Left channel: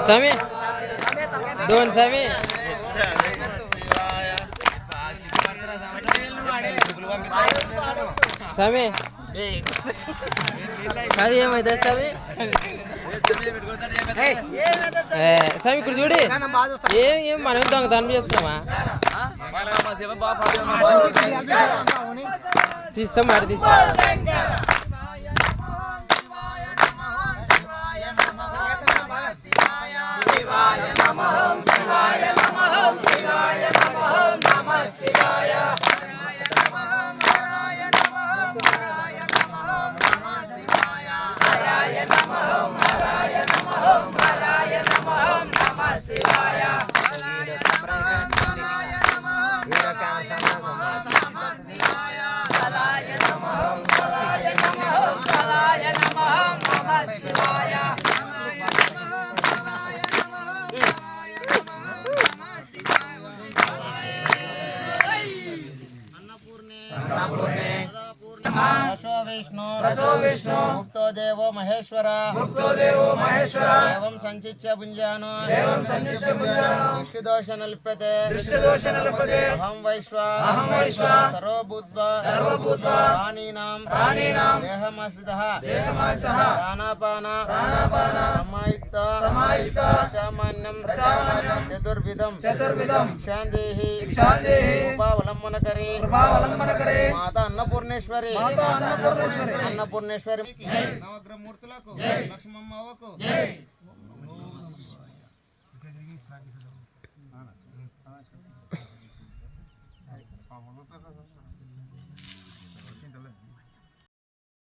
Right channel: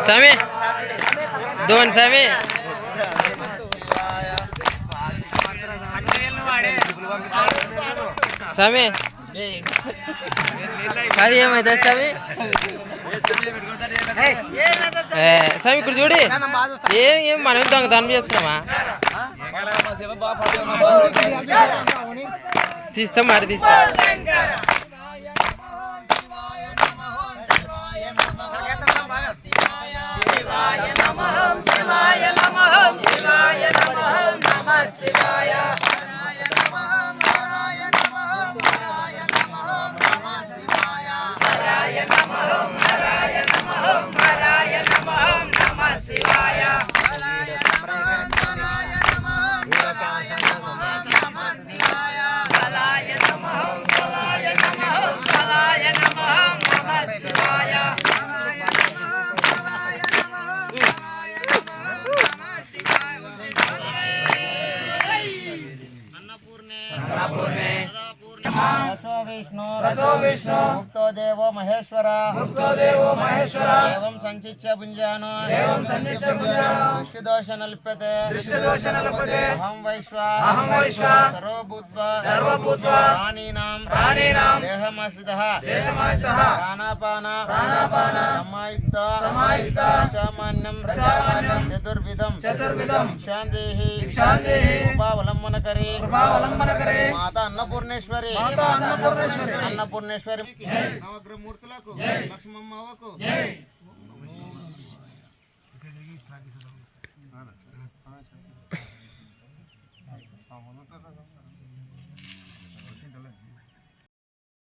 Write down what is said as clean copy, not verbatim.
Sami, doon Sami. Sami, kali ఏమైతే Sami? Sami ఇక్కడ చూడి ఏం మనం దొంగతనం చేస్తున్నామా? తీస్తా మరి తీస్తా. विष्णु मुक्तो देवो महेश्वर एवं संचिच्य पुंजानो दृष्टिदोष नल्प्यते अहं वैश्वा सर्वभूत्वा प्राणिनां देहमाश्रितः प्राणापान समायुक्त सामान्यं चतुर्विधं शान्तिः कृपावलंबन करे माता अन्नपूर्णेश्वरी अन्नपूर्णेश्वरी नवग्रह मूर्తులకు లక్ష్మమ్మ అవ్వకు జై